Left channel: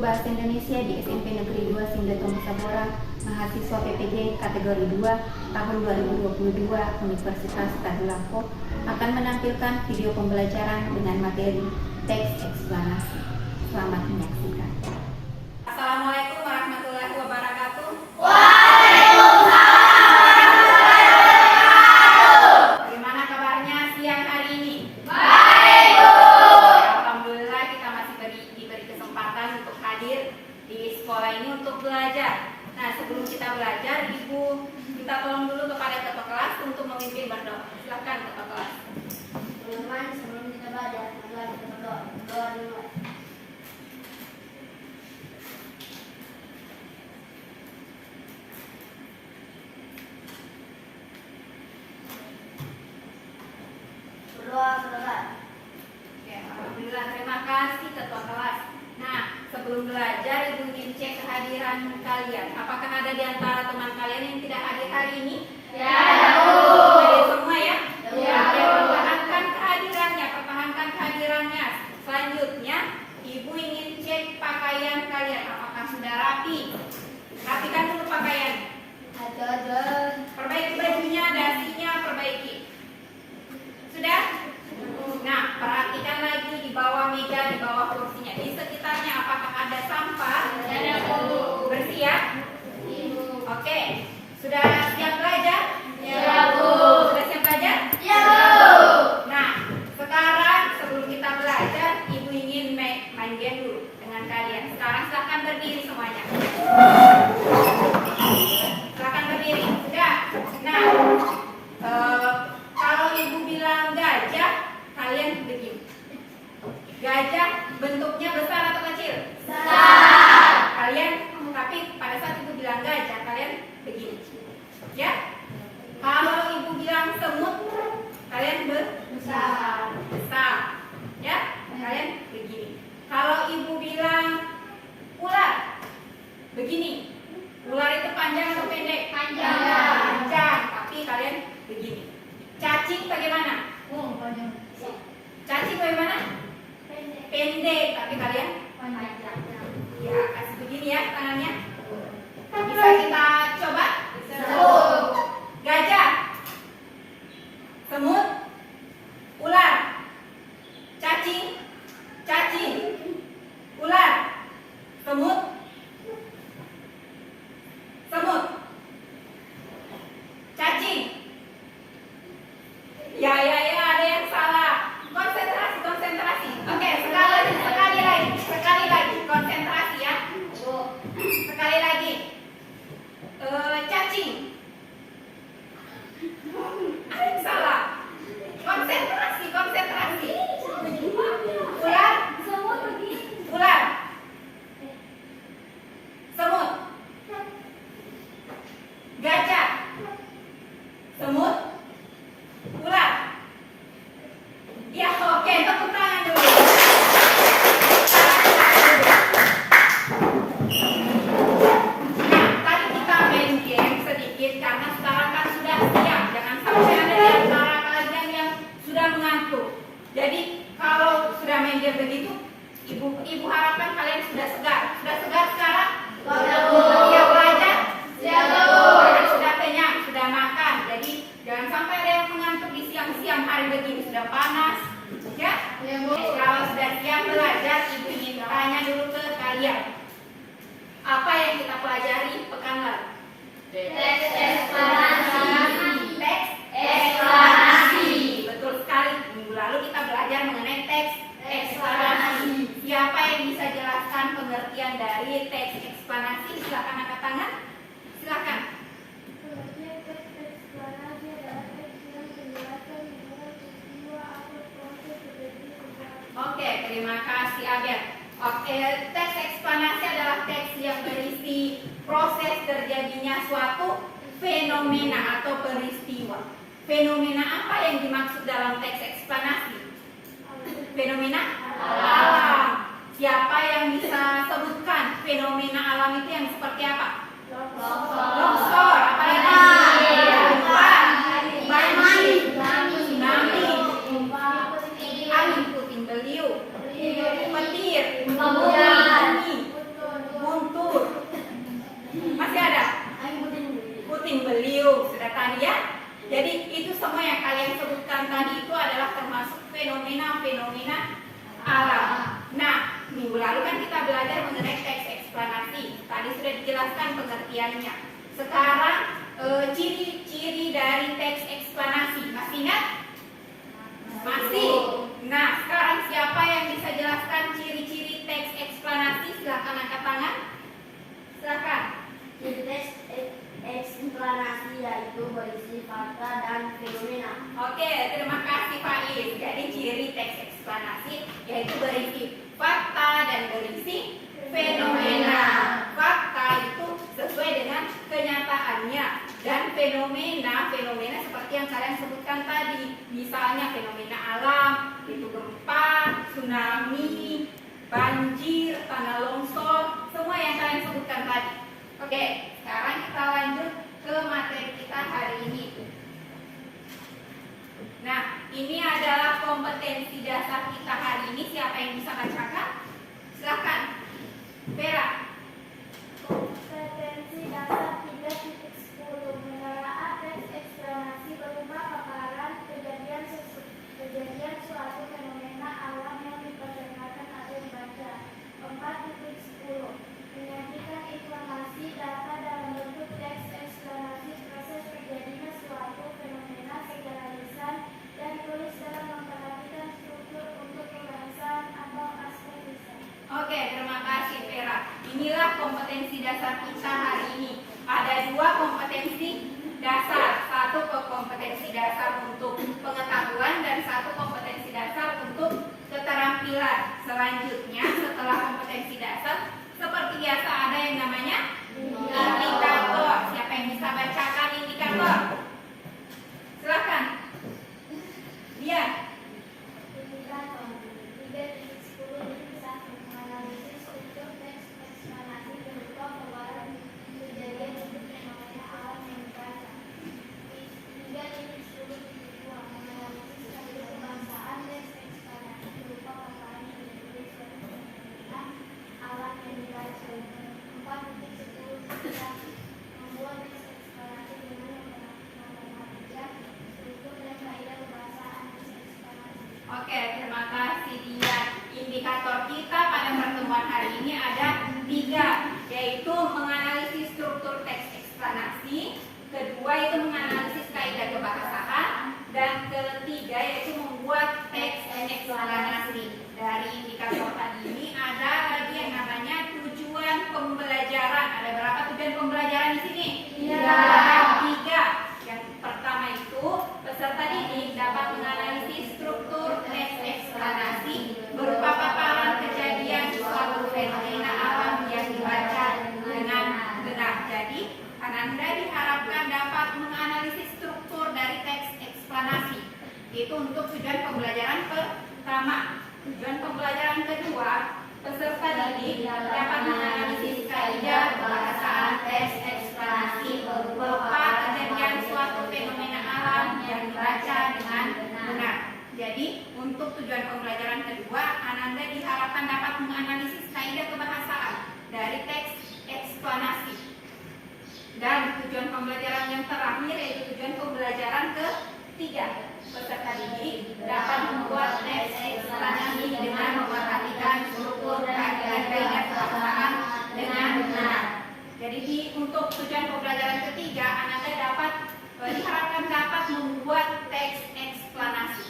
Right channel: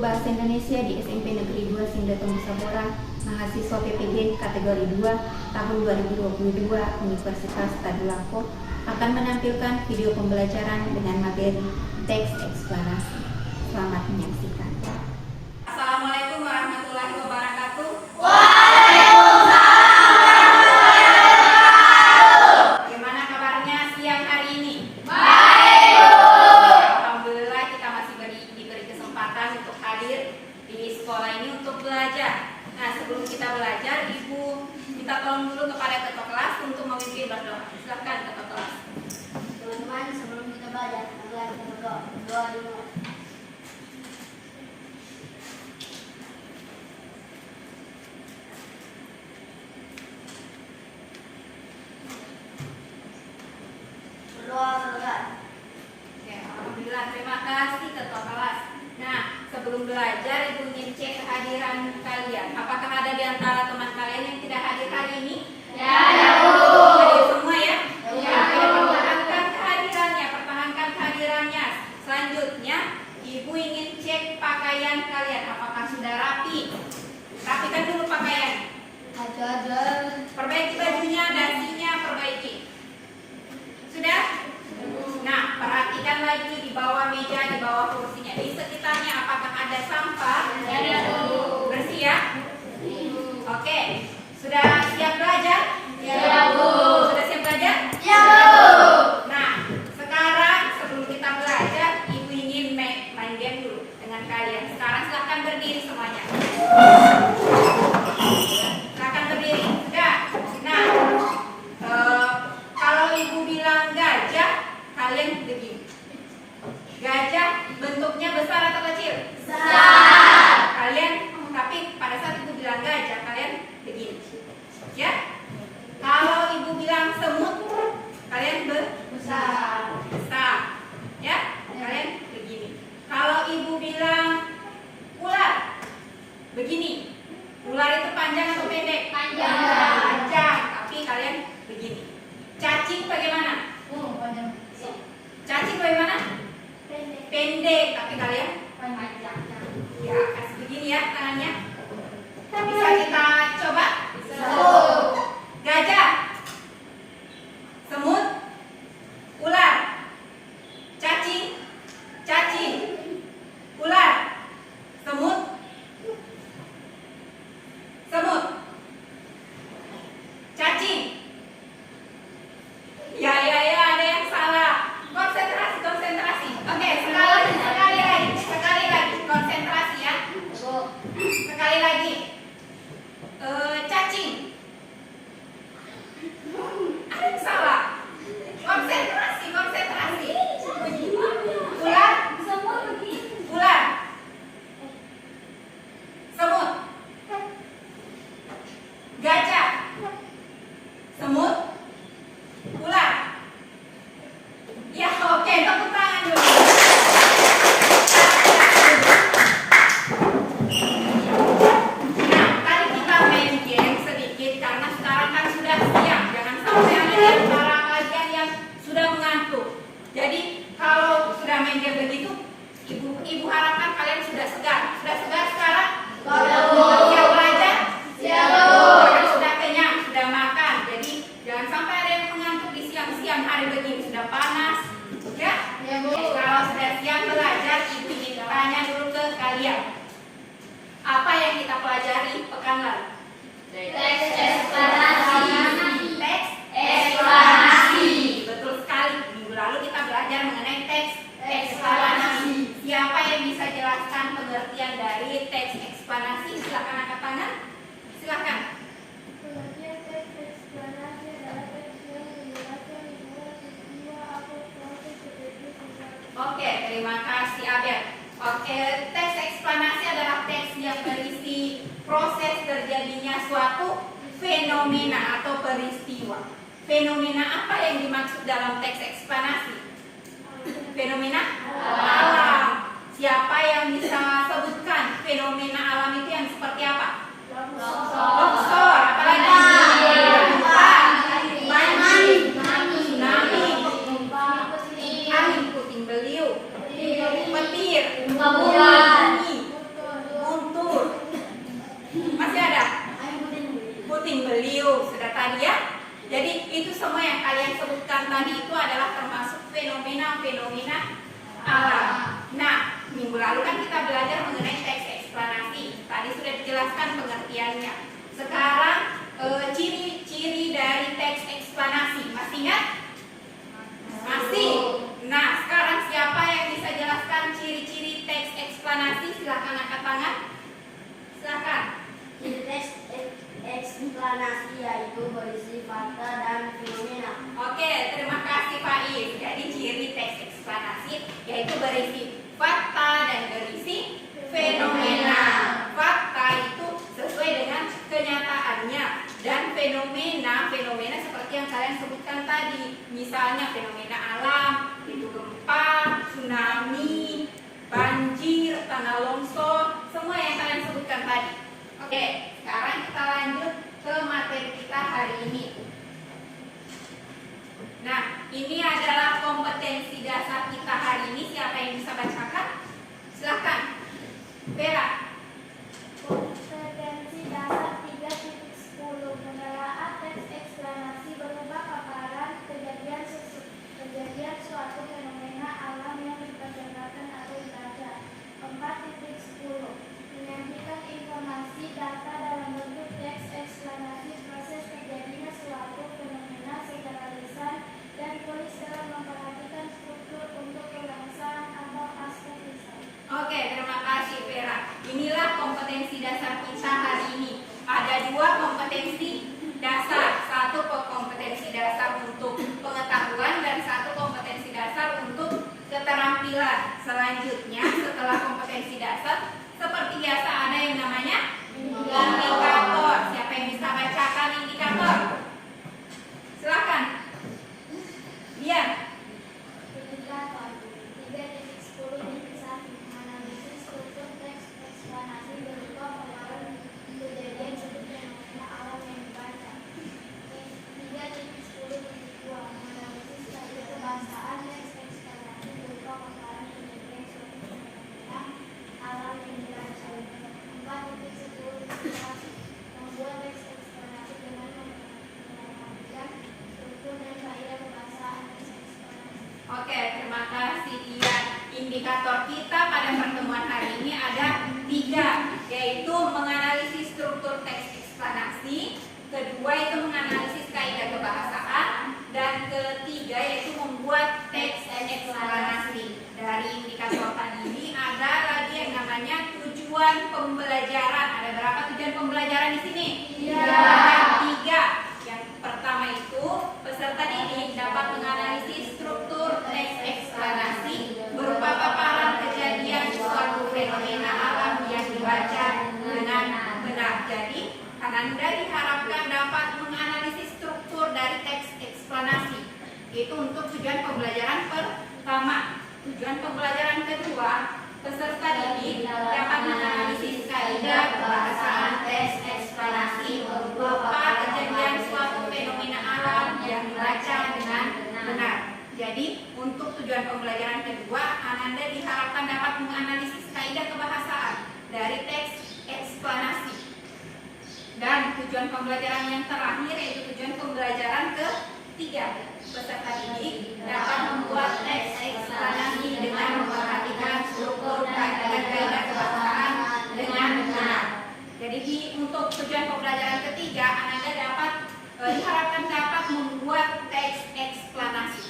Guru Bahasa Indonesia di SMP Negeri 2 Sindotom Sabora, mahasiswa PPG kategori 2 tahun 2022 Universitas Tadulako akan menampilkan video pembelajaran dengan materi teks eksplanasi. Selamat menyaksikan. Assalamualaikum warahmatullahi wabarakatuh. Gimana kabarnya siang hari ini? Baik, Bu. Alhamdulillah kita masih diberi kesempatan untuk hadir di sekolah ini untuk belajar. Nah, sebelum kita belajar, Ibu minta tolong dulu kepada ketua kelas untuk memimpin berdoa. Silakan ketua kelas. Teman-teman, sebelum kita belajar berdoa dulu. Berdoa. Oke, alhamdulillah, terima kasih ketua kelas. Nah, sebelum belajar, Ibu ingin cek kehadiran kalian. Apakah ada di antara teman kalian yang tidak hadir hari ini? Ya, Bu. Hadir semua ya? Ya, Oke, Bu. pertahankan kehadirannya. Selanjutnya, Ibu ingin cek pakaian kalian. Apakah sudah rapi? Rapikan dulu pakaian. Ada. Perbaiki bajunya, dasinya, perbaiki. Sudah? Nah, perhatikan lagi di bawah meja, di bawah kursinya, di sekitarnya apakah ada sampah? Ya, Bu. Bersih ya? Oke. Sudah siap belajar? Ya, Bu. Sudah siap belajar? Ya, Bu. Nah, sekarang sebelum kita belajar, Ibu ingin main game dulu dengan kalian. Sekarang silahkan berdiri semuanya. Silahkan berdiri. Sudah? Nah, kalau Ibu bilang gajah, kalian begini. Gajah bentuknya besar atau kecil? Besar. Kalian, tapi pada saat Ibu bilang gajah, kalian begini. Ya? Kalau Ibu bilang semut, kalian besar. Ya? Kalian begini. Kalau Ibu bilang ular, begini. Ular itu panjang atau pendek? Panjang. Panjang, tapi kalian begini. Cacing bagaimana? Panjang. Cacing bagaimana? Pendek, tapi kalian Panjang. ya kasih begini ya tangannya. Bisa kita coba? Semut. Gajah, semut, ular, cacing, ular, semut, cacing. Ya, ada yang salah. Konsentrasi. Oke, sekali lagi, konsentrasi ya. Sekali lagi. Cacing. Ada yang salah. Konsentrasi. Ular. Semut. Gajah. Semut. Ular. Ya, oke, tepuk tangan dulu. Nah, tadi kita main game sedikit karena sekarang kan sudah siang. Jangan sampai ada di antara kalian yang sudah mengantuk. Jadi kalau sudah main game begitu, ibu harapkan kalian sudah segar. Sudah segar sekarang? Iya, belajar? Kalian sudah kenyang, sudah makan. Jadi jangan sampai ada yang mengantuk di siang-siang hari begini. Sudah panas, ya? Kalau sudah siap belajar, Ibu ingin tanya dulu ke kalian. Apa yang kita pelajari pekan lalu? Teks eksplanasi. Teks Eksplanasi. Betul sekali. Minggu lalu kita belajar mengenai teks Eksplanasi. Siapa yang bisa jelaskan pengertian dari teks eksplanasi? Silakan angkat tangan. Silakan. Pengertian teks eksplanasi adalah teks yang menjelaskan hubungan peristiwa atau proses terjadi sesuatu. Oke, terima kasih Abel. Oke, teks eksplanasi adalah teks yang berisi proses terjadinya suatu fenomena atau peristiwa. Fenomena apa yang dimaksud dalam teks eksplanasi? Fenomena alam. Siapa yang bisa sebutkan fenomena alam itu yang seperti apa? Longsor, apalagi? Gempa, tsunami, angin puting beliung, petir, Gempa bumi, bumi, belajar mengenai teks eksplanasi. Tadi sudah dijelaskan pengertiannya. Sekarang ciri-ciri dari teks eksplanasi. Masih ingat? Masih. Nah, sekarang siapa yang bisa jelaskan ciri-ciri teks eksplanasi? Silakan angkat tangan. Silakan. Jadi teks eksplanasi yaitu berisi fakta dan fenomena. Oke, terima kasih Faiz. Jadi ciri teks eksplanasi yaitu berisi fakta dan berisi fenomena. Fakta itu sesuai dengan kenyataannya, dan fenomena seperti yang kalian sebutkan tadi. Misalnya fenomena alam, itu gempa, tsunami, banjir, tanah longsor, semua yang kalian sebutkan tadi. Oke, sekarang kita lanjut ke materi kita hari ini. Nah, ini adalah kompetensi dasar kita hari ini. Siapa yang bisa bacakan? Silakan. Vera. Kompetensi dasar 3.10 menelaah teks eksplanasi berupa paparan kejadian suatu fenomena alam yang diperdengarkan atau dibaca. 4.10 menyajikan informasi data dalam bentuk teks eksplanasi proses terjadinya suatu fenomena secara lisan dan tulis dalam memperhatikan struktur untuk pembahasan atau aspek lisan. Oke, terima kasih Vera. Inilah kompetensi dasar kita hari ini. Ada dua kompetensi dasar. Satu kompetensi dasar untuk pengetahuan dan satu kompetensi dasar untuk keterampilan. Selanjutnya, setelah kompetensi dasar, seperti biasa ada yang namanya indikator. Siapa yang bisa bacakan indikator? Silakan. Lihat. Indikator 3.10 menganalisis struktur teks eksplanasi berupa paparan kejadian suatu fenomena alam yang dibaca. 3.10 menganalisis kaidah kebahasaan teks eksplanasi berupa paparan kejadian suatu fenomena alam yang dibaca. 4.10 membuat teks eksplanasi dengan memperhatikan struktur dan kaidah kebahasaan teks eksplanasi. Oke, terima kasih Dia. Indikator kita pada pertemuan hari ini ada 3, yaitu menganalisis struktur teks eksplanasi, kedua itu menganalisis kaidah kebahasaan, dan ketiga yaitu membuat teks eksplanasi. Dari indikator tadi ini ada lagi yang namanya tujuan pembelajaran. Ada berapa tujuan pembelajaran di sini? Ada 3. Yang pertama itu peserta didik dapat menganalisis struktur teks eksplanasi berupa paparan kejadian suatu fenomena alam yang dibaca dengan benar. Jadi, Ananda diharapkan dapat menganalisis struktur dari teks eksplanasi. Itu untuk tujuan pembelajaran pertama. Tujuan pembelajaran kedua, peserta didik dapat menganalisis kaidah kebahasaan teks eksplanasi berupa kejadian suatu fenomena alam yang dibaca dengan benar. Jadi, untuk tujuan pembelajaran kedua, Ananda diharapkan dapat menganalisis kaidah kebahasaan dari teks eksplanasi. Dan tujuan pembelajaran yang terakhir yaitu tujuan pembelajaran ketiga, peserta didik dapat membuat teks eksplanasi dengan memperhatikan struktur dan kaidah kebahasaan dengan benar. Jadi untuk tujuan pembelajaran ketiga, Ananda diharapkan dapat membuat teks eksplanasi.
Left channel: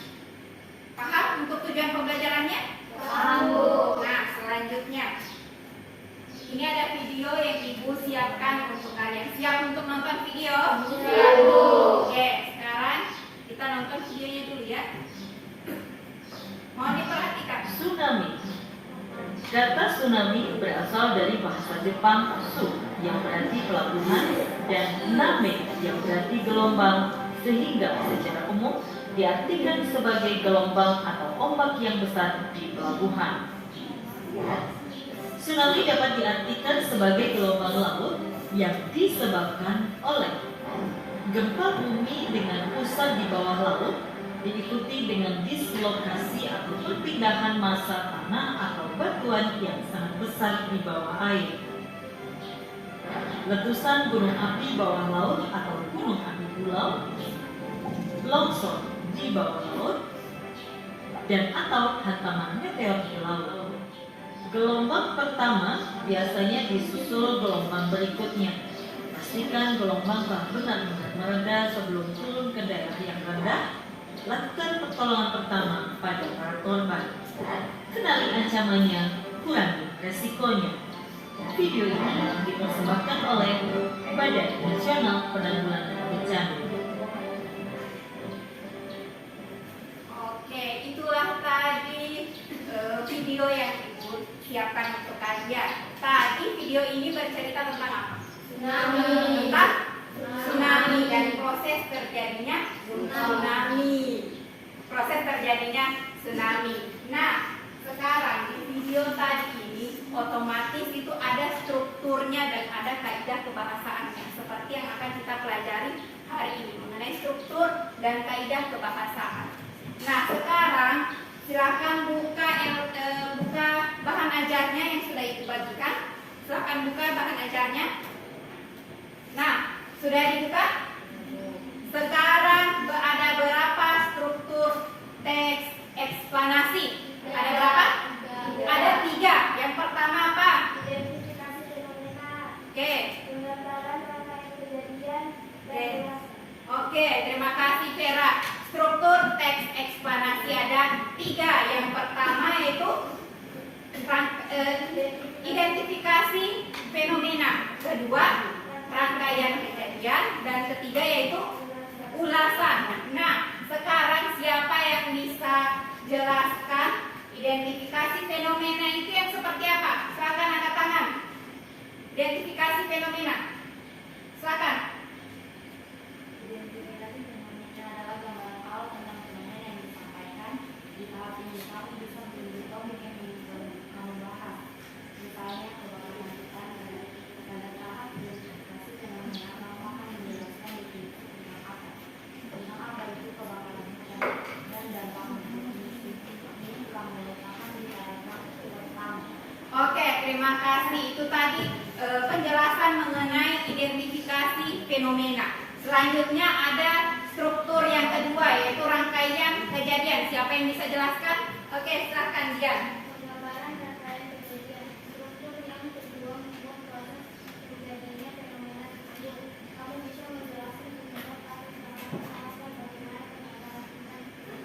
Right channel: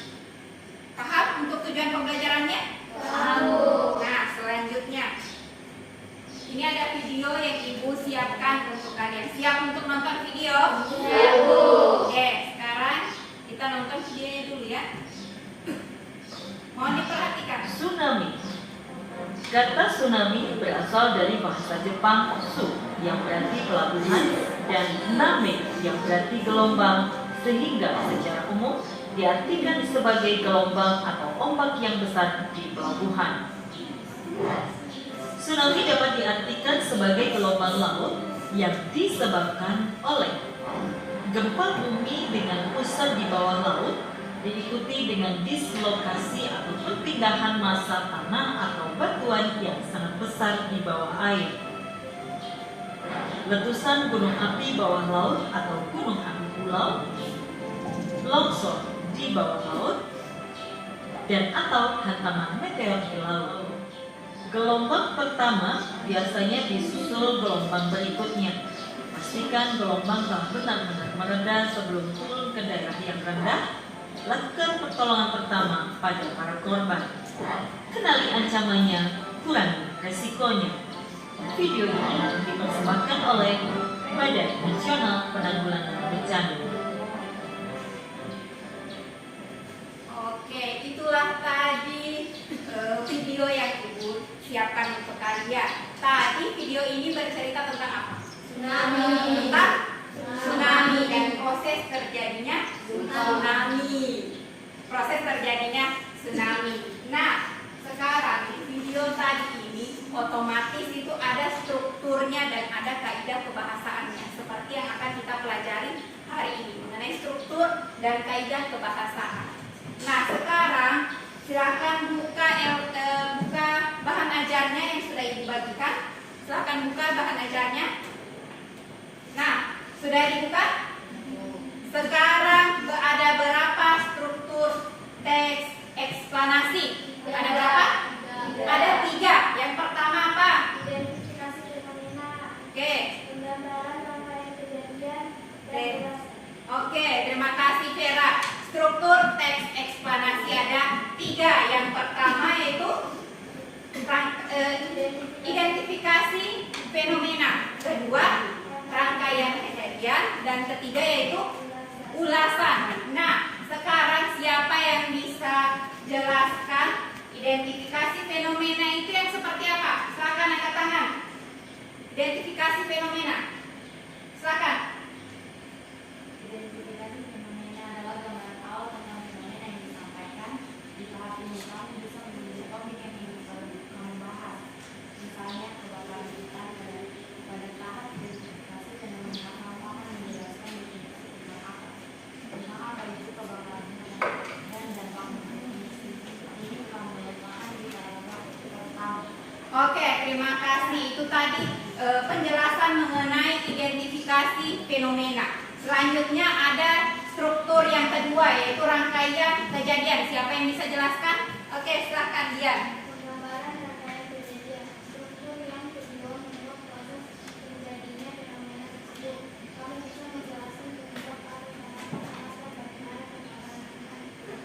Paham untuk tujuan pembelajarannya? Tahu. Nah, selanjutnya ini ada video yang Ibu siapkan untuk kalian. Siap untuk nonton video? Siap, Bu. Oke, sekarang kita nonton videonya dulu ya. Mohon diperhatikan. Tsunami. Kata tsunami berasal dari bahasa Jepang su yang berarti pelabuhan dan name yang berarti gelombang, sehingga secara umum diartikan sebagai gelombang atau ombak yang besar di pelabuhan. Tsunami dapat diartikan sebagai gelombang laut yang disebabkan oleh gempa bumi dengan pusat di bawah laut, diikuti dengan dislokasi atau perpindahan massa tanah atau batuan yang sangat besar di bawah air. Letusan gunung api bawah laut atau gunung api pulau, longsor di bawah laut, dan atau hantaman meteor di laut. Gelombang pertama biasanya disusul gelombang berikutnya. Pastikan gelombang telah benar-benar mereda sebelum turun ke daerah yang rendah. Lakukan pertolongan pertama pada para korban. Kenali ancamannya, kurangi resikonya. Video ini dipersembahkan oleh Badan Nasional Penanggulangan Bencana. Oke, itulah tadi video yang Ibu siapkan untuk kalian. Tadi video ini bercerita tentang apa? Tentang tsunami dan proses terjadinya tsunami. Proses terjadinya tsunami. Nah, sekarang di video tadi ini otomatis itu ada strukturnya dan ada kaidah kebahasaannya seperti yang akan kita pelajari hari ini mengenai struktur dan kaidah kebahasaan. Nah, sekarang silakan buka bahan ajarnya yang sudah Ibu bagikan. Silakan buka bahan ajarnya. Nah, sudah dibuka? Sekarang ada berapa struktur teks eksplanasi? Ada berapa? Ada 3. Yang pertama apa? Identifikasi fenomena. Oke. Penggambaran rangkaian kejadian. Oke, terima kasih Vera. Struktur teks eksplanasi ada 3. Yang pertama yaitu identifikasi fenomena. Kedua, rangkaian kejadian. Dan ketiga yaitu ulasan. Nah, sekarang siapa yang bisa jelaskan identifikasi fenomena itu yang seperti apa? Silakan angkat tangan. Identifikasi fenomena. Silakan. Identifikasi fenomena adalah gambaran awal tentang fenomena yang disampaikan. Di tahap ini kamu bisa memilih topik yang ingin kamu bahas. Misalnya kebakaran hutan. Pada tahap identifikasi fenomena kamu akan menjelaskan definisi tentang apa. Tentang apa itu kebakaran hutan dan dampaknya. Ini kamu letakkan di paragraf pertama. Oke, terima kasih. Itu tadi penjelasan mengenai identifikasi fenomena. Selanjutnya ada struktur yang kedua yaitu rangkaian kejadian. Siapa yang bisa jelaskan? Oke, silakan Dian. Penggambaran rangkaian kejadian. Struktur yang kedua membuat proses terjadinya fenomena tersebut. Kamu bisa menjelaskan penyebab atau alasan bagaimana penanganan.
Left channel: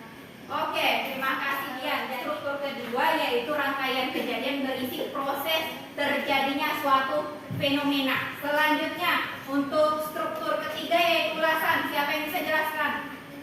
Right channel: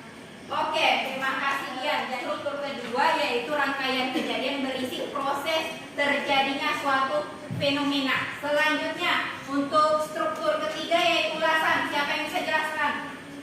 Oke, terima kasih Dian. Struktur kedua yaitu rangkaian kejadian berisi proses terjadinya suatu fenomena. Selanjutnya untuk struktur ketiga yaitu ulasan. Siapa yang bisa jelaskan?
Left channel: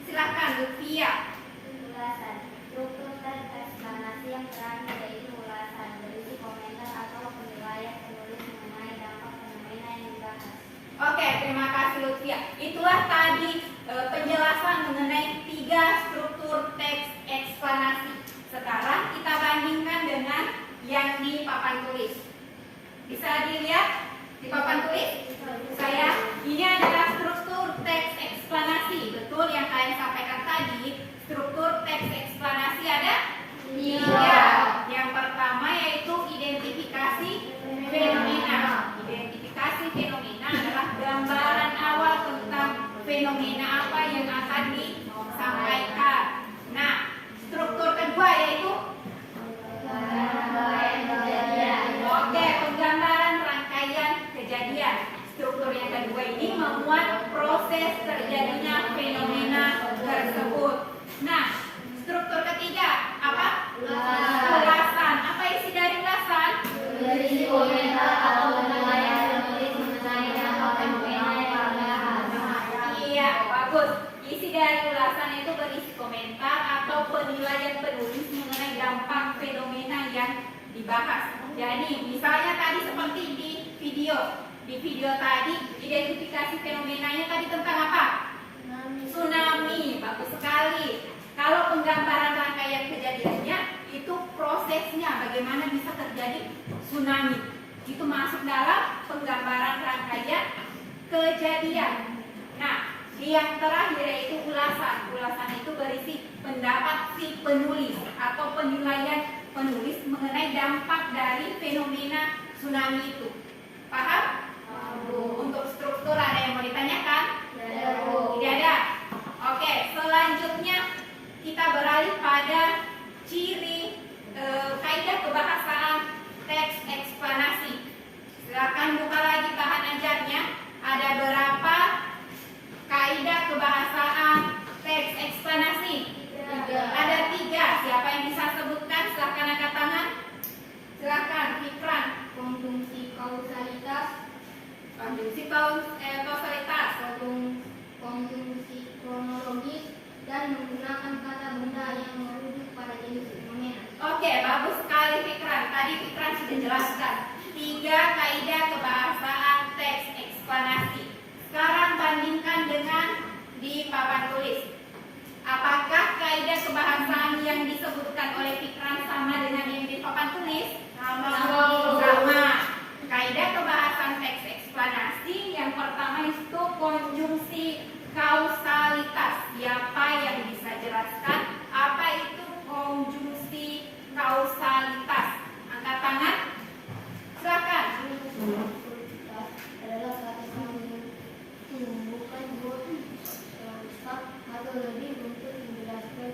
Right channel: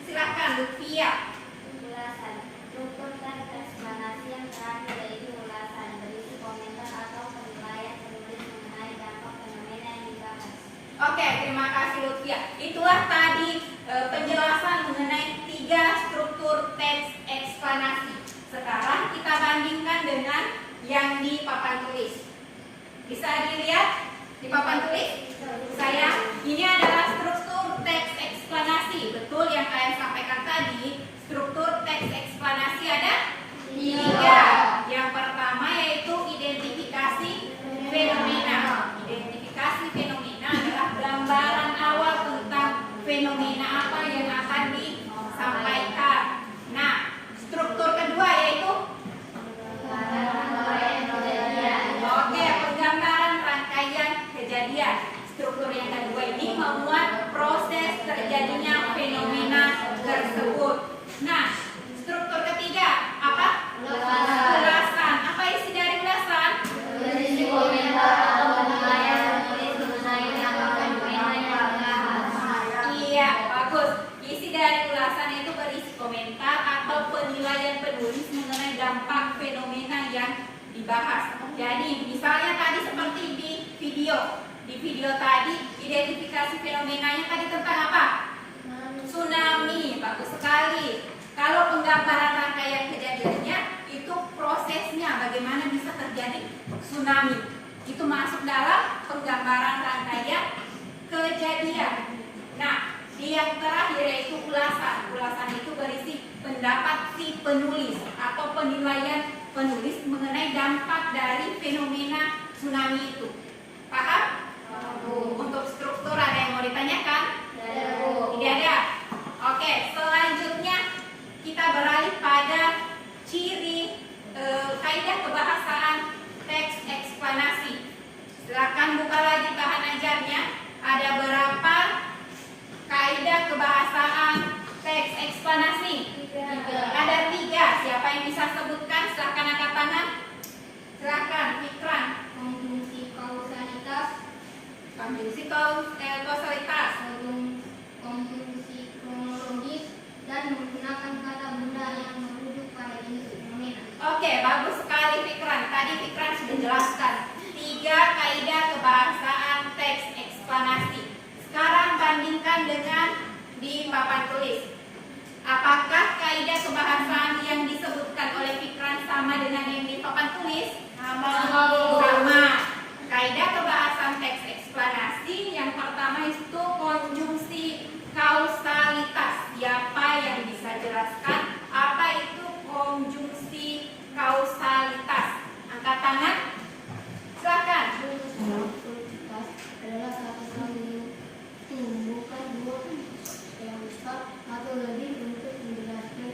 Silakan Lutfia. Ulasan. Struktur teks eksplanasi yang terakhir yaitu ulasan, berisi komentar atau penilaian penulis mengenai dampak fenomena yang dibahas. Oke, terima kasih Lutfia. Itulah tadi penjelasan mengenai 3 struktur teks eksplanasi. Sekarang kita bandingkan dengan yang di papan tulis. Bisa dilihat di papan tulis? Ini adalah struktur teks eksplanasi. Betul yang kalian sampaikan tadi. Struktur teks eksplanasi ada 3. Yang pertama yaitu identifikasi fenomena. Identifikasi fenomena adalah gambaran awal tentang fenomena apa yang akan disampaikan. Nah, struktur kedua yaitu Oke, penggambaran rangkaian kejadian. Struktur yang kedua ini memuat proses terjadinya fenomena tersebut. Nah, struktur ketiga apa? Ulasan. Apa isi dari ulasan? Berisi komentar atau penilaian penulis mengenai dampak fenomena yang dibahas. Iya, bagus. Isi dari ulasan itu berisi komentar atau penilaian penulis mengenai dampak fenomena yang dibahas. Jadi, misalnya tadi seperti di video. Di video tadi, identifikasi fenomenanya tadi tentang apa? Tsunami. Bagus sekali. Kalau penggambaran rangkaian kejadiannya, itu prosesnya bagaimana bisa terjadi tsunami. Itu masuk dalam penggambaran rangkaian kejadian. Nah, di yang terakhir yaitu ulasan. Ulasan itu berisi pendapat si penulis atau penilaian penulis mengenai dampak dari fenomena tsunami itu. Paham? Untuk struktur ada yang mau ditanyakan? Tidak ada. Oke, selanjutnya kita beralih pada ciri kaidah kebahasaan Silakan buka lagi bahan ajarnya. Ada berapa kaidah kebahasaan teks eksplanasi? Ada 3. Siapa yang bisa sebutkan? Silakan angkat tangan. Silakan, Fikran. Konjungsi kausalitas, Konjungsi kausalitas, konjungsi kronologis, dan menggunakan kata benda yang merujuk pada jenis fenomena. Oke, bagus sekali Fikran. Tadi Fikran sudah jelaskan 3 kaidah kebahasaan teks eksplanasi. Sekarang bandingkan dengan di papan tulis. Apakah kaidah kebahasaan yang disebutkan oleh Fikran sama dengan yang di papan tulis? Sama. Kaidah kebahasaan teks eksplanasi yang pertama itu konjungsi kausalitas. Siapa yang bisa jelaskan apa itu konjungsi kausalitas? Angkat tangan. Silakan. Kausalitas adalah satu menghubungkan dua yang besar atau lebih untuk menjelaskan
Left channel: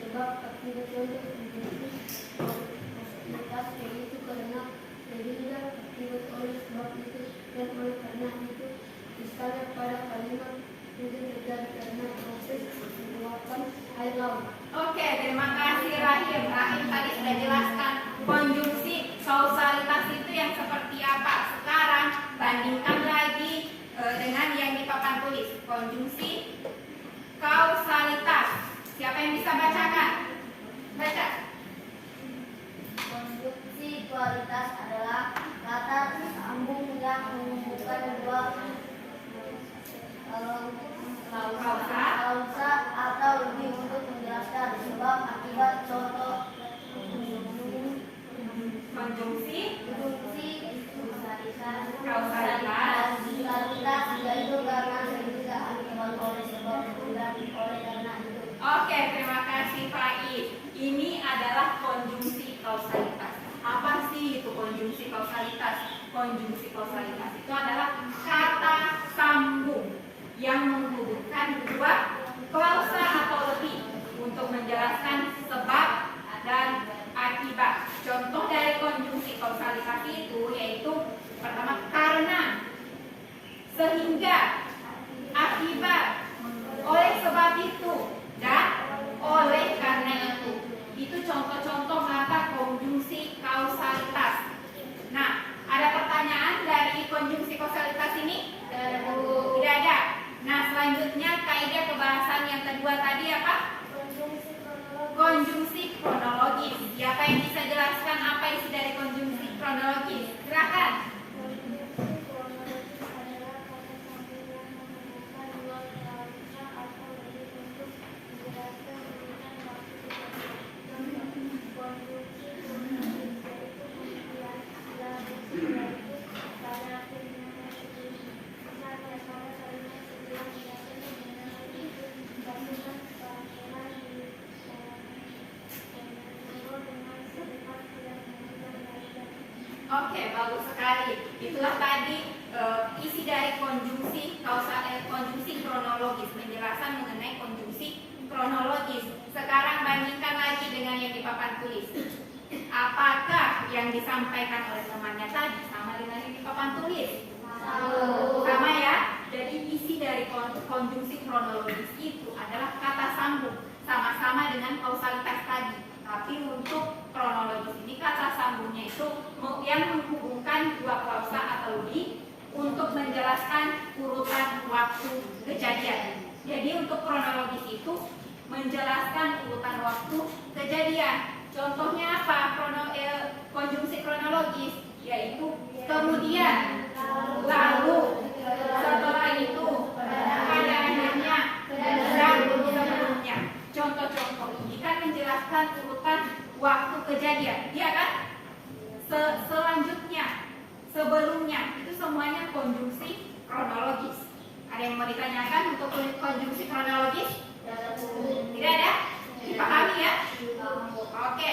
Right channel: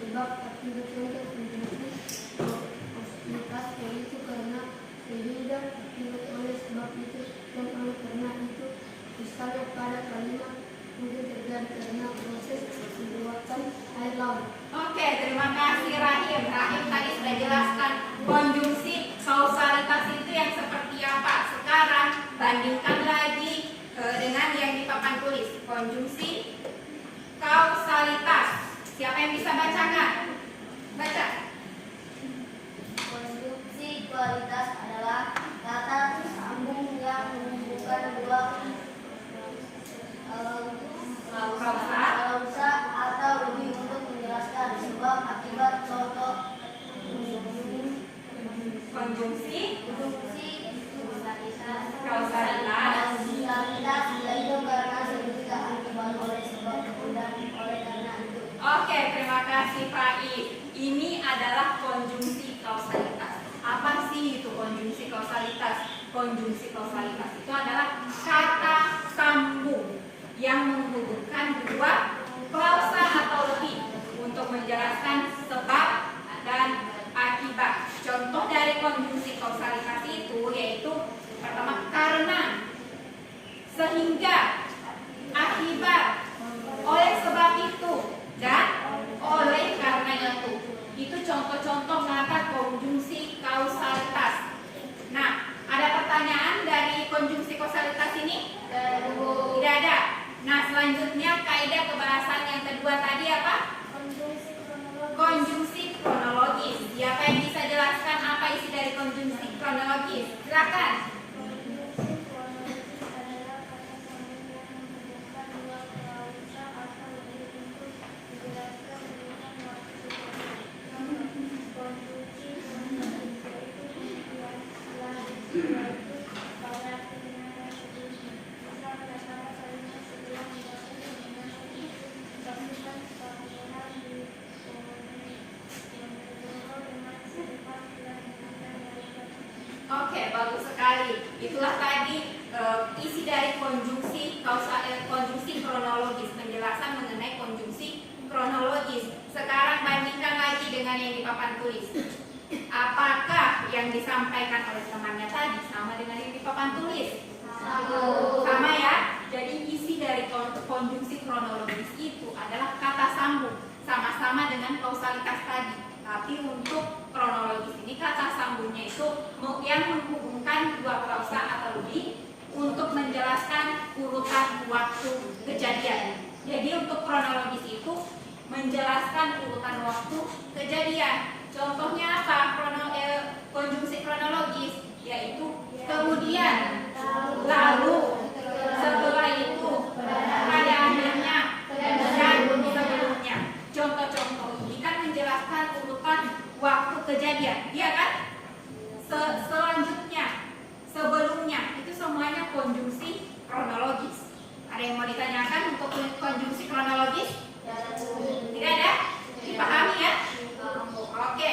sebab akibat. Contoh konjungsi kausalitas yaitu karena sehingga akibat oleh sebab itu dan oleh karena itu. Misalnya pada kalimat itu terjadi karena proses meluapkan air laut. Oke, terima kasih Rahim. Rahim tadi sudah jelaskan konjungsi kausalitas itu yang seperti apa. Sekarang bandingkan lagi dengan yang di papan tulis. Konjungsi kausalitas. Siapa yang bisa bacakan? Baca. Konjungsi kualitas adalah kata sambung yang menghubungkan dua kausa atau lebih untuk menjelaskan sebab akibat. Contoh Konjungsi kausalitas yaitu karena sehingga akibat oleh sebab dan oleh karena itu. Oke, terima kasih Faiz. Ini adalah konjungsi kausalitas. Apa sih itu konjungsi kausalitas? Konjungsi kausalitas itu adalah kata sambung yang menghubungkan dua klausa atau lebih untuk menjelaskan sebab dan akibat. Contoh dari konjungsi kausalitas itu yaitu pertama karena, sehingga, akibat, oleh sebab itu, dan oleh karena itu. Itu contoh-contoh kata konjungsi kausalitas. Nah, ada pertanyaan dari konjungsi kausalitas ini? Tidak ada. Nah, selanjutnya kaidah kebahasan yang kedua tadi apa? Konjungsi kronologis. Siapa yang bisa jelaskan apa isi dari konjungsi kronologis? Silakan. Oke, bagus sekali. Itulah tadi isi dari konjungsi konjungsi kronologis, penjelasan mengenai konjungsi kronologis. Sekarang bandingkan lagi dengan yang di papan tulis. Apakah yang disampaikan oleh temannya tadi sama dengan yang di papan tulis? Sama ya. Jadi isi dari konjungsi kronologis itu adalah kata sambung, sama-sama dengan kausalitas tadi. Tapi untuk kronologis ini kata sambungnya itu yang menghubungkan dua klausa atau lebih untuk menjelaskan urutan waktu kejadian. Jadi untuk kronologis itu menjelaskan urutan waktu kejadian. Contohnya apa? Konjungsi kronologis yaitu kemudian, lalu, setelah itu, pada akhirnya, dan sebelumnya. Contoh-contoh ini kan menjelaskan urutan waktu kejadian, iya kan? Selanjutnya, sebelumnya, itu semuanya konjungsi kronologis. Ada yang mau ditanyakan untuk konjungsi kronologis? Tidak ada? Dipahami ya? Oke.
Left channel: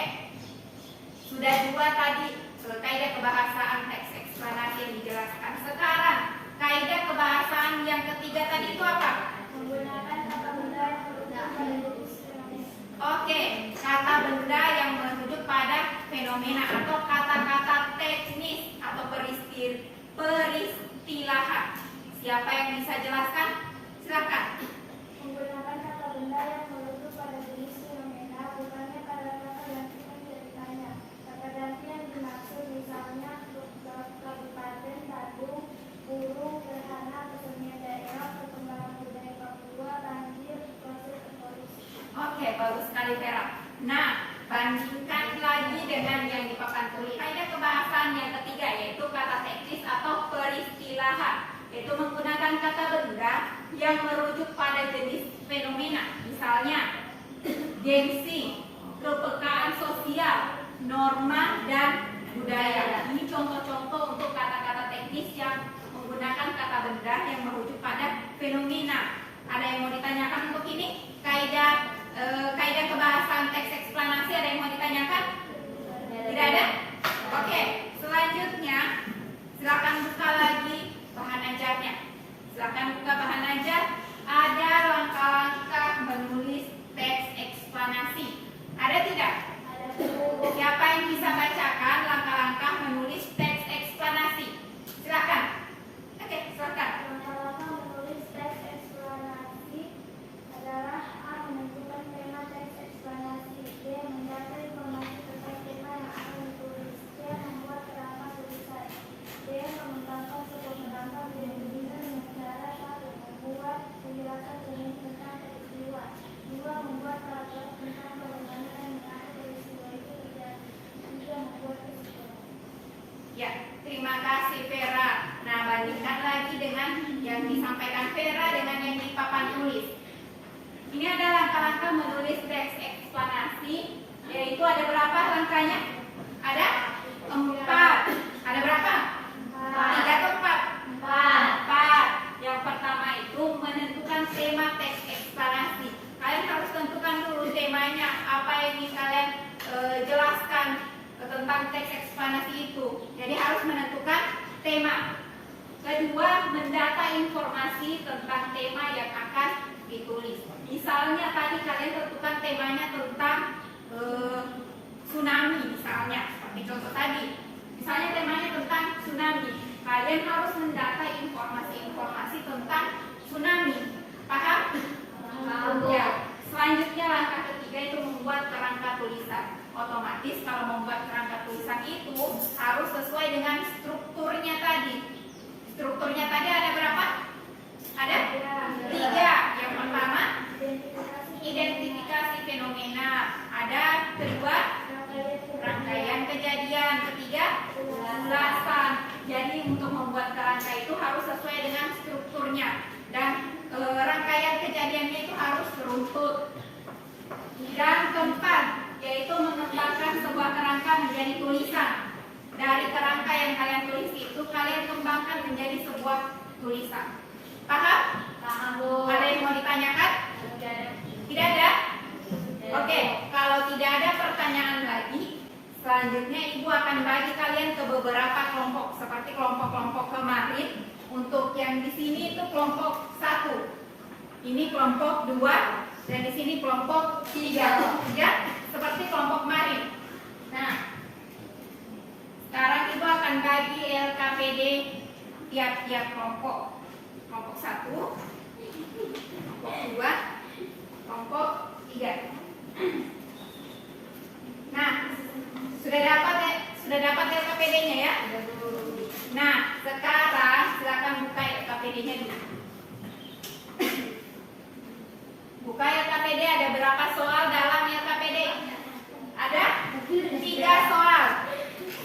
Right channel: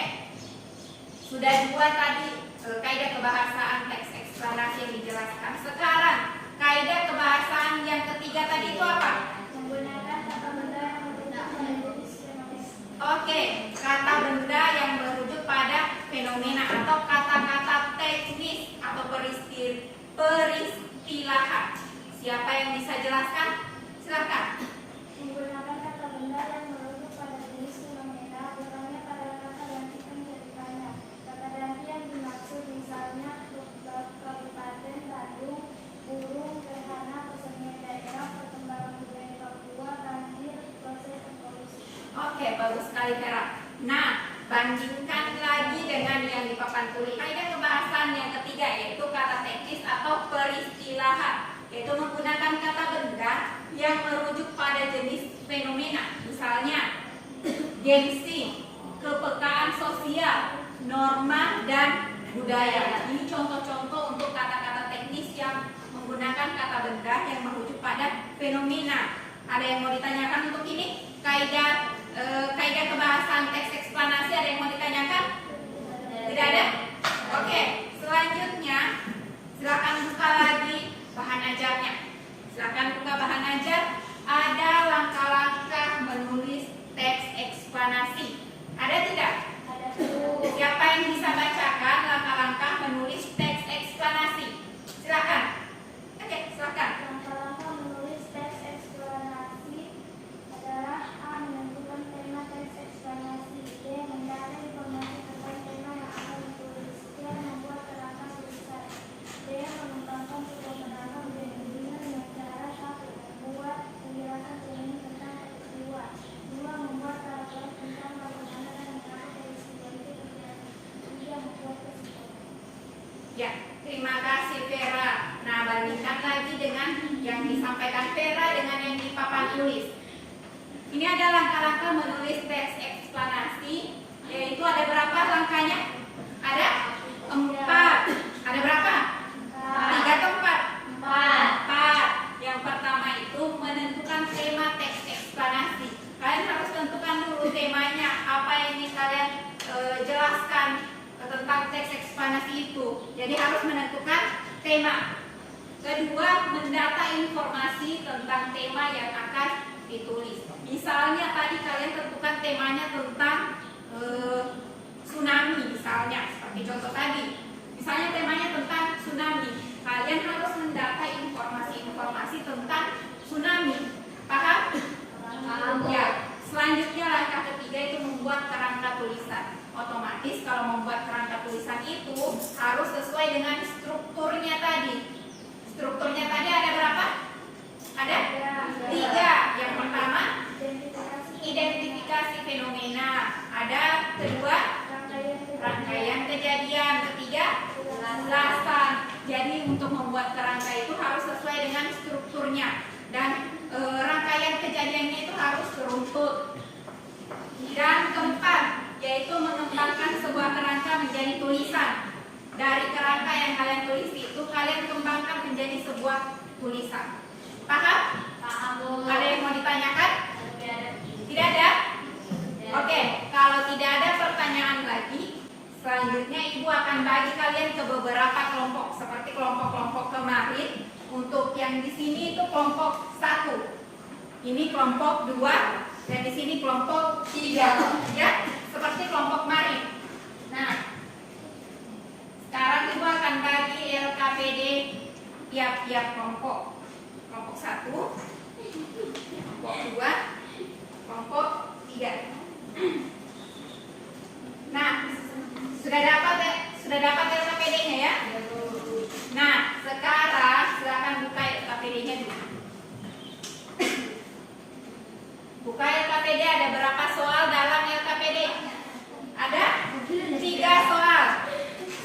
Sudah dua tadi kaidah kebahasaan teks eksplanasi yang dijelaskan. Sekarang kaidah kebahasaan yang ketiga tadi itu apa? Menggunakan kata benda yang merujuk pada jenis fenomena. Oke, kata benda yang merujuk pada fenomena atau kata-kata teknis atau peristilahan. Siapa yang bisa jelaskan? Silakan. Menggunakan kata benda yang merujuk pada jenis fenomena, bukannya pada kata gantikan ceritanya. Kata ganti yang dimaksud misalnya Kabupaten Badung, burung, gerhana, kesenian daerah, perkembangan budaya Papua, banjir, proses evolusi. Oke, bagus sekali Vera. Nah, bandingkan lagi dengan yang di papan tulis. Kaidah kebahasan yang ketiga yaitu kata teknis atau peristilahan, yaitu menggunakan kata benda yang merujuk pada jenis fenomena. Misalnya, gengsi, kepekaan sosial, norma, dan budaya. Ini contoh-contoh untuk kata-kata teknis yang menggunakan kata benda yang merujuk pada fenomena. Ada yang mau ditanyakan untuk ini? Kaidah kebahasan teks eksplanasi ada yang mau ditanyakan? Tidak ada? Oke, selanjutnya silakan buka lagi bahan ajarnya. Silakan buka bahan ajar. Ada langkah-langkah menulis teks eksplanasi. Ada tidak? Ada Siapa yang bisa bacakan langkah-langkah menulis teks eksplanasi? Silakan. Oke, silakan. langkah-langkah menulis teks eksplanasi adalah A. Menentukan tema teks eksplanasi, B. Mendata informasi tentang tema yang akan ditulis, C. Membuat kerangka tulisan, D. Mengembangkan sebuah kerangka menjadi dengan cara 1. Membuat penjelasan cermin tentang peristiwa, 2. Membuat paragraf tentang bagaimana dan mengapa peristiwa itu terjadi, 3. Membuat kesimpulan. Ya, terima kasih Vera. Nah, bandingkan lagi dengan yang disampaikan Vera dengan yang di papan tulis. Ini ada langkah-langkah menulis teks eksplanasi, yaitu ada berapa langkahnya? Ada 4. Ada berapa? 3 atau 4? 4. Yang pertama itu menentukan tema teks eksplanasi. Kalian harus tentukan dulu temanya, apa yang ingin kalian jelaskan tentang teks eksplanasi itu. Jadi harus menentukan tema. Kedua, mendata informasi tentang tema yang akan ditulis. Misalnya tadi kalian tentukan temanya tentang tsunami misalnya, seperti contoh tadi. Misalnya temanya tentang tsunami. Kalian harus mendata informasi-informasi tentang tsunami. Paham? Ya. Selanjutnya langkah ketiga itu membuat kerangka tulisan. Otomatis kalau membuat kerangka tulisan itu harus sesuai dengan strukturnya tadi. Strukturnya tadi ada berapa? Ada 3. Yang pertama, identifikasi fenomena. Ada kedua, rangkaian kejadian. Ketiga, ulasan. Jadi untuk membuat kerangka itu harus sesuai dengan strukturnya. Dan rangkaian kejadiannya itu harus beruntut. Dan keempat, yaitu mengembangkan sebuah kerangka menjadi tulisan. Dari kerangka yang kalian tulis itu kalian kembangkan menjadi sebuah tulisan. Paham? Paham, Bu. Ada yang mau ditanyakan? Tidak ada? Oke, kalau tidak ada pertanyaan lagi, selanjutnya Ibu akan bagi kalian ke beberapa kelompok seperti kelompok-kelompok kemarin. Untuk yang di sini itu kelompok 1. Ini kelompok 2 dan di sini kelompok 3. Ya, seperti kelompok kemarin. Nah, sekarang Ibu akan bagi LKPD tiap-tiap kelompok. Kelompok 1, kelompok 2, kelompok 3. Nah, sudah dapat LKPD-nya ya? Nah, sekarang silakan buka LKPD-nya dulu. Buka LKPD, ada berapa soal dalam LKPD? Ada 3 soal.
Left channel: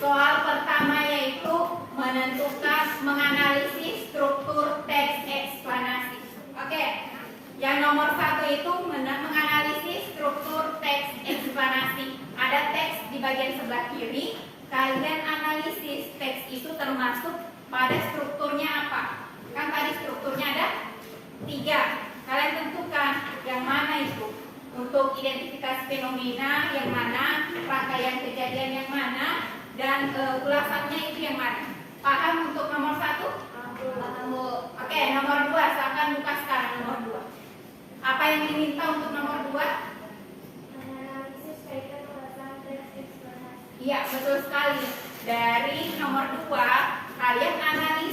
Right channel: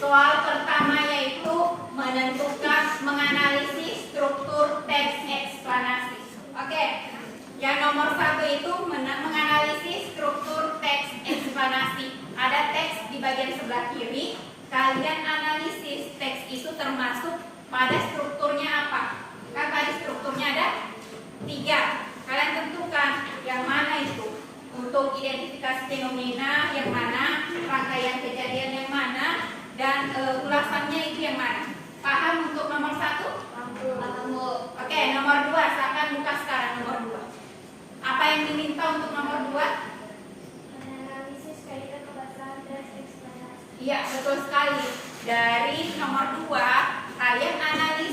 Soal pertama yaitu menganalisis struktur teks eksplanasi. Oke. Yang nomor 1 itu menganalisis struktur teks eksplanasi. Ada teks di bagian sebelah kiri. Kalian analisis teks itu termasuk pada strukturnya apa? Kan tadi strukturnya ada 3. Kalian tentukan yang mana itu. Untuk identifikasi fenomena yang mana, rangkaian kejadian yang mana, dan ulasannya itu yang mana. Paham untuk nomor 1? Oke, nomor 2. Silakan buka sekarang nomor 2. Apa yang diminta untuk nomor 2? Analisis kaidah kebahasan teks eksplanasi. Iya, betul sekali. Dari nomor 2, kalian analisis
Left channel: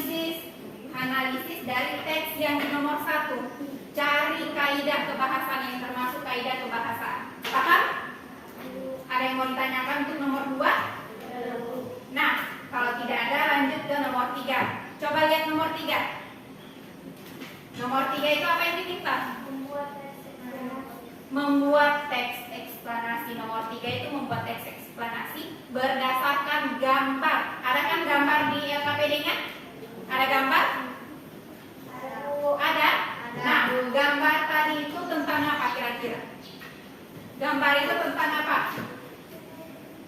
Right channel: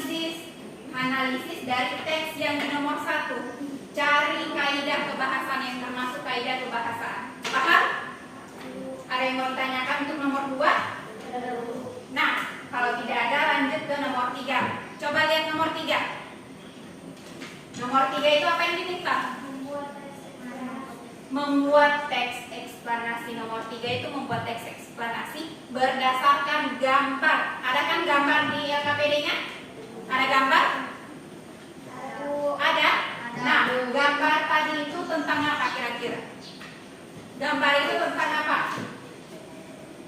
kaidah kebahasaan yang termasuk kaidah kebahasaan. Paham? Ada yang mau ditanyakan untuk nomor 2? Nah, kalau tidak ada lanjut ke nomor 3. Coba lihat nomor 3. Nomor 3 itu apa yang diminta? Membuat teks eksplanasi. Nomor 3 itu membuat teks eksplanasi berdasarkan gambar. Ada kan gambar di LKPD-nya? Ada gambar? Ada? Nah, gambar tadi itu tentang apa kira-kira? Gambar itu tentang apa?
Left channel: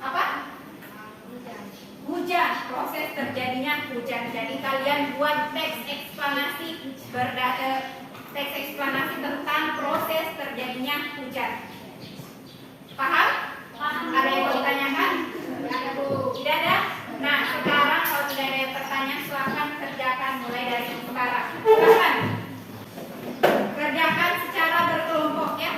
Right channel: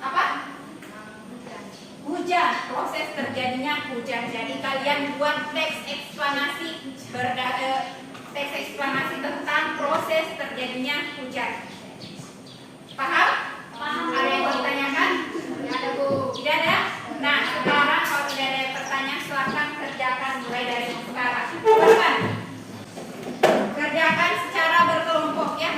Apa? Hujan, proses terjadinya hujan. Jadi kalian buat teks eksplanasi teks eksplanasi tentang proses terjadinya hujan. Paham? Ada yang mau ditanyakan? Tidak ada, Bu. Tidak ada? Nah, sekarang kalau tidak ada yang pertanyaan, silakan kerjakan mulai dari sekarang. Silakan. Kerjakan secara berkelompok ya.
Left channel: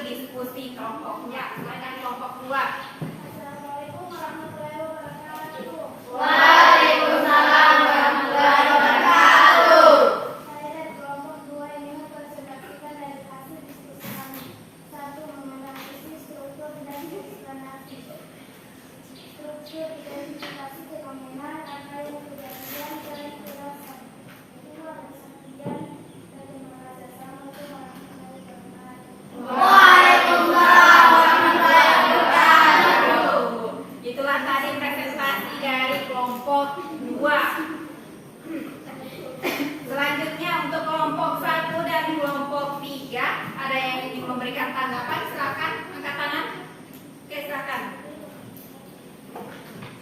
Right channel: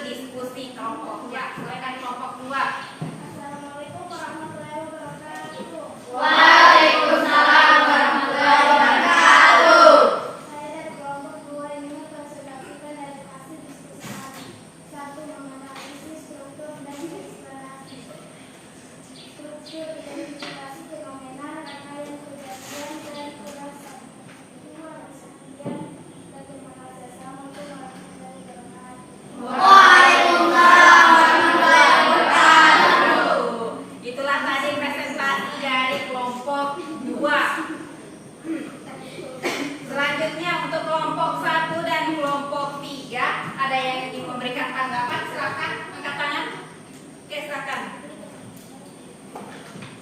Diskusi kelompoknya. Silakan kelompok 2. Assalamualaikum warahmatullahi wabarakatuh. Waalaikumsalam warahmatullahi wabarakatuh. Saya dari kelompok 2 ini mempresentasikan dari hasil diskusi kami. 1. Menganalisis struktur dan eksplanasi. Struktur identifikasi fenomena rangkaian kejadian dan perasaan. 2. Persaksian bagaimana kerjasama itu warahmatullahi wabarakatuh. Itulah tadi presentasi dari kelompok 2. Selanjutnya untuk kelompok 1 dan kelompok 3, ada yang ingin memberikan tanggapan? Silakan angkat tangan. Oke, silakan.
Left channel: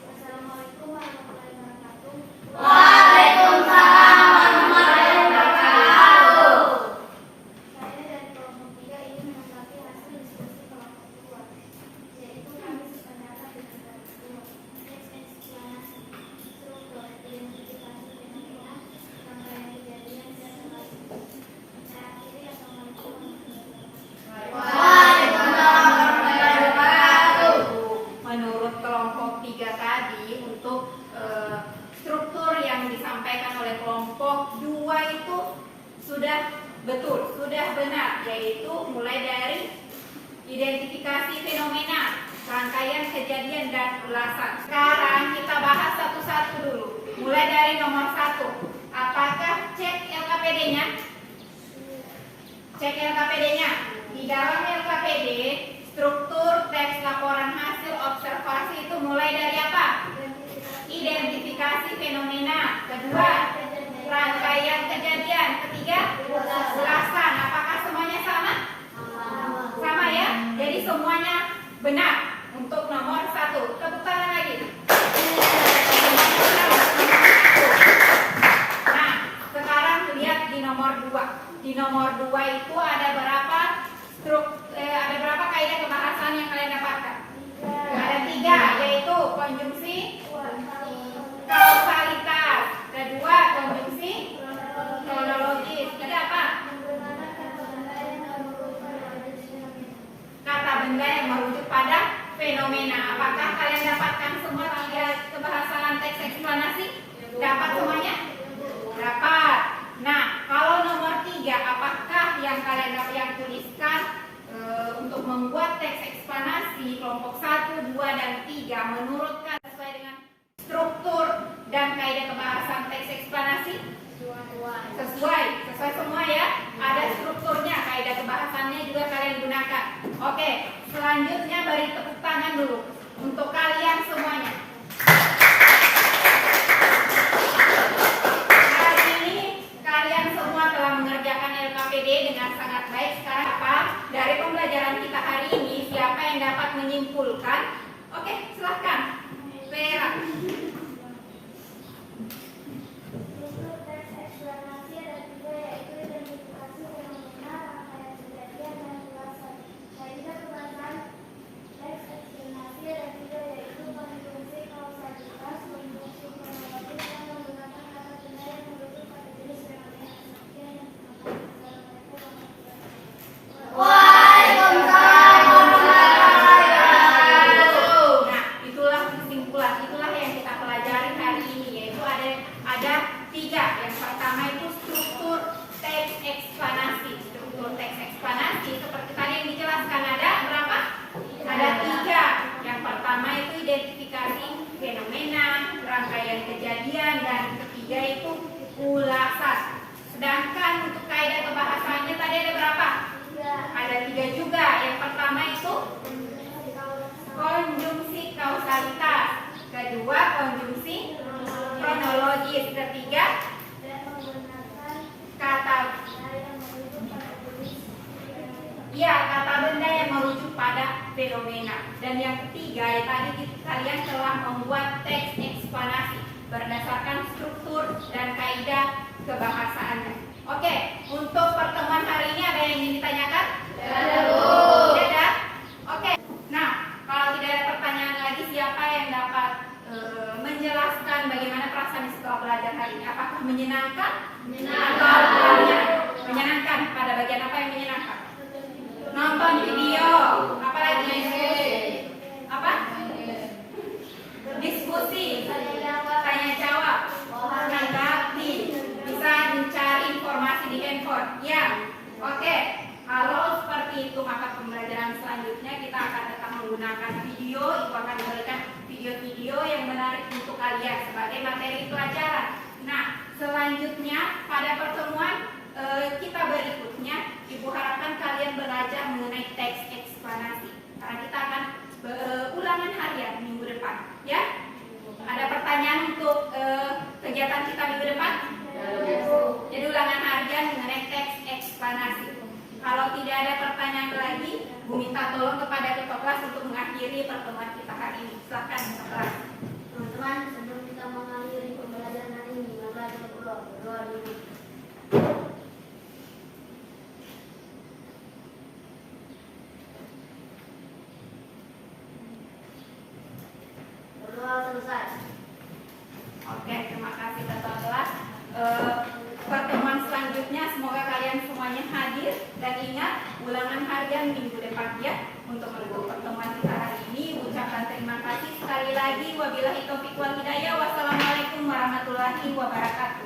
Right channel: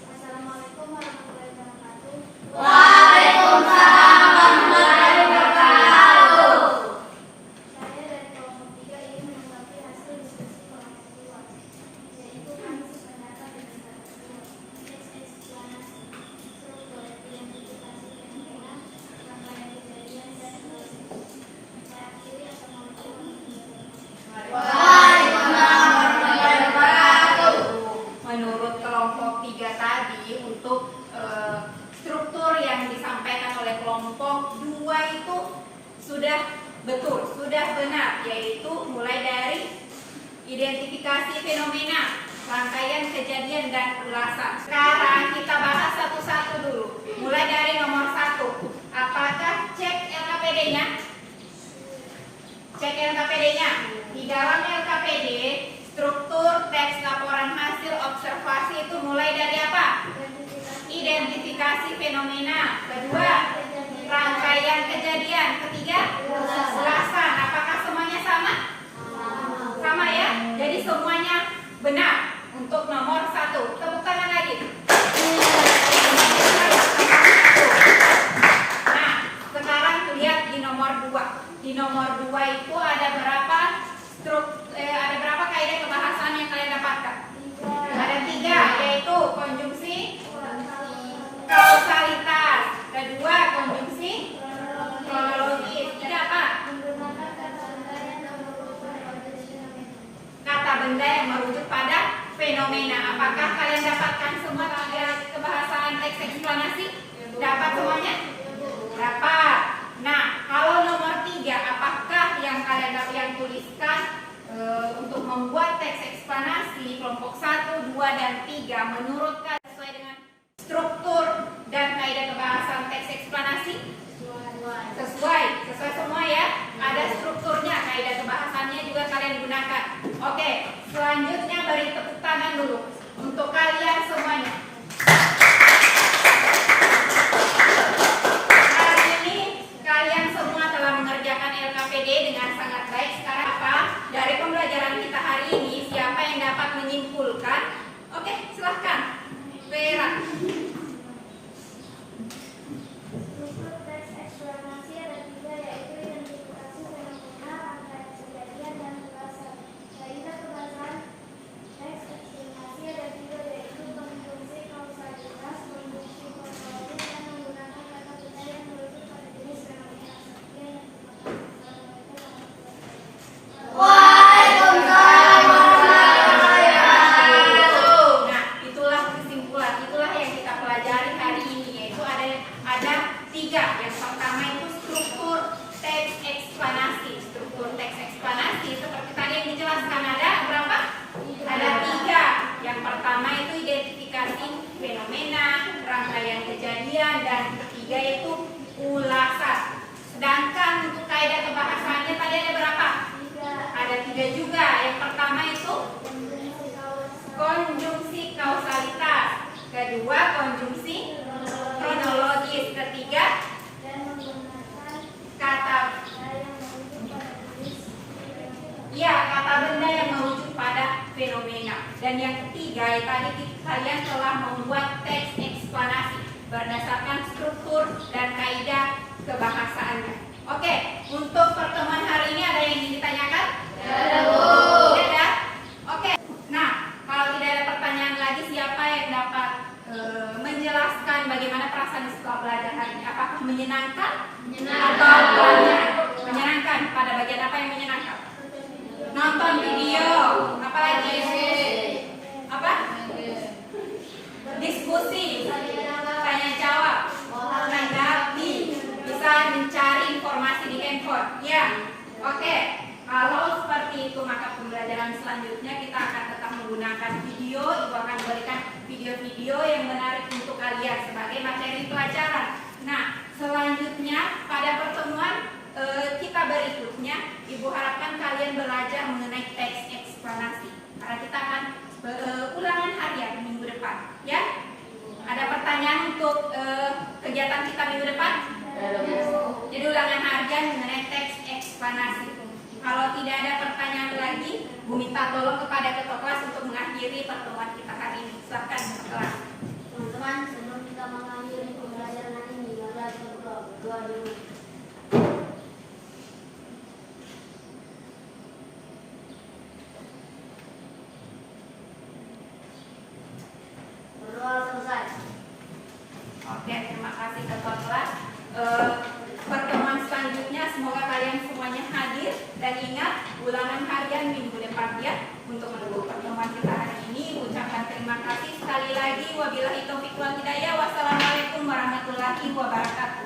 Assalamualaikum warahmatullahi wabarakatuh. Waalaikumsalam warahmatullahi wabarakatuh. Saya dari kelompok 3 ini menanggapi hasil diskusi kelompok 2, yaitu kami sependapat dengan tersebut. Teks eksplanasi, struktur, identifikasi fenomena, rangkaian kejadian dan relasi. Saya akhiri, assalamualaikum warahmatullahi wabarakatuh. Menurut kelompok 3 tadi, untuk struktur yang disampaikan oleh kelompok 2 itu sudah betul, sudah benar, yaitu mulai dari identifikasi fenomena, rangkaian kejadian dan ulasan. Sekarang kita bahas satu-satu dulu. Mulai dari nomor 1. Apakah cek LKPD-nya? Cek LKPD-nya. Di dalam LKPD, struktur teks laporan hasil observasi itu mulai dari apa? Identifikasi fenomena. Kedua, rangkaian kejadian. Ketiga, ulasan. Apakah semuanya sama? Sama ya? Jadi semuanya benar untuk nomor 1. Tepuk tangan lagi. Nah, sekarang lihat di nomor 2. Di nomor 2 itu ada berapa ada berapa kaidah kebahasaan yang kalian dapatkan? Ada 3, yaitu konjungsi, kausalitas. Kedua, konjungsi kronologis. Tidak apa? Kata benda yang merujuk pada fenomena. Apakah kalian teks eksplanasi? Sesuai semua ya. Ada strukturnya, kaidah kebahasannya juga kalian gunakan. Oke, selanjutnya beri tepuk tangan dulu untuk kalian semuanya. Hari ini kalian semua telah mengerjakan LKPD dengan sangat baik. Sekarang apa? Dari pembelajaran kita hari ini, siapa yang dapat menyimpulkan? Oke, silahkan. Vera. Untuk teks eksplanasi ada 3, yaitu identifikasi fenomena, rangkaian kejadian, dan ulasan. Kaidah kebahasan teks eksplanasi ada 3, yaitu konjungsi kausalitas, konjungsi kronologis, dan menggunakan kata benda yang merujuk pada jenis fenomena. Sekian yang Nah, itulah kesimpulan, itulah yang kita pelajari hari ini, yaitu ada 3. Yang pertama itu struktur teks eksplanasi. Struktur teks eksplanasi seperti tadi yang dijelaskan ada berapa? Ada 3. Yang pertama itu identifikasi fenomena, rangkaian kejadian, dan ketiga itu ulasan. Sedangkan untuk kaidah kebahasannya tadi ada berapa? Ada 3 juga. Yang pertama itu konjungsi kausalitas, kedua konjungsi kronologis, ketiga dan menggunakan kata kata benda yang merujuk pada fenomena. Dan yang ketiga tadi kalian telah membuat teks eksplanasi berdasarkan struktur dan kaidah kebahasaannya. Oke, untuk pertemuan hari ini ada yang ingin ditanyakan? Tidak ada? Oke. Nah, kalau tidak ada pertanyaan lagi, siapa yang dapat menjelaskan bagaimana perasaan setelah belajar hari ini? Apakah menyenangkan? Atau menyenangkan? Pada bagian apa yang menyenangkan? Nonton video. Apa lagi? Apa? Diskusi. Tanya jawab. Menanggapi. Bisa mencari informasi di handphone. Ya. Oke. Kalau seperti itu, maka pembelajaran selanjutnya kita akan tetap menggunakan video. Ibu akan berikan video-video yang menarik untuk kalian sebagai materi pelajaran. Nah, selanjutnya pada pertemuan kita berikutnya, Ibu harapkan kalian belajar mengenai teks eksplanasi. Karena kita akan ulangan harian minggu depan. Ya? Ada pertanyaan untuk kegiatan kita minggu depan? Jadi ulangan harian mengenai teks eksplanasi. Kalau tidak ada pertanyaan lagi, Bu minta tolong kepada ketua kelas untuk mengakhiri pertemuan kita hari ini. Silakan ketua kelas. Teman-teman, sebelum kita mengakhiri pembelajaran hari ini, mari kita berdoa dulu. Berdoa selesai. Oke, terima kasih ketua kelas. Pertemuan selanjutnya semoga kalian semuanya hadir dan ingat ulangan harian minggu depan ya. Untuk menunggu pertemuan kita hari ini, ucapkan terima kasih sekali lagi. Wabillahi taufiq wal hidayah. Wassalamualaikum warahmatullahi wabarakatuh.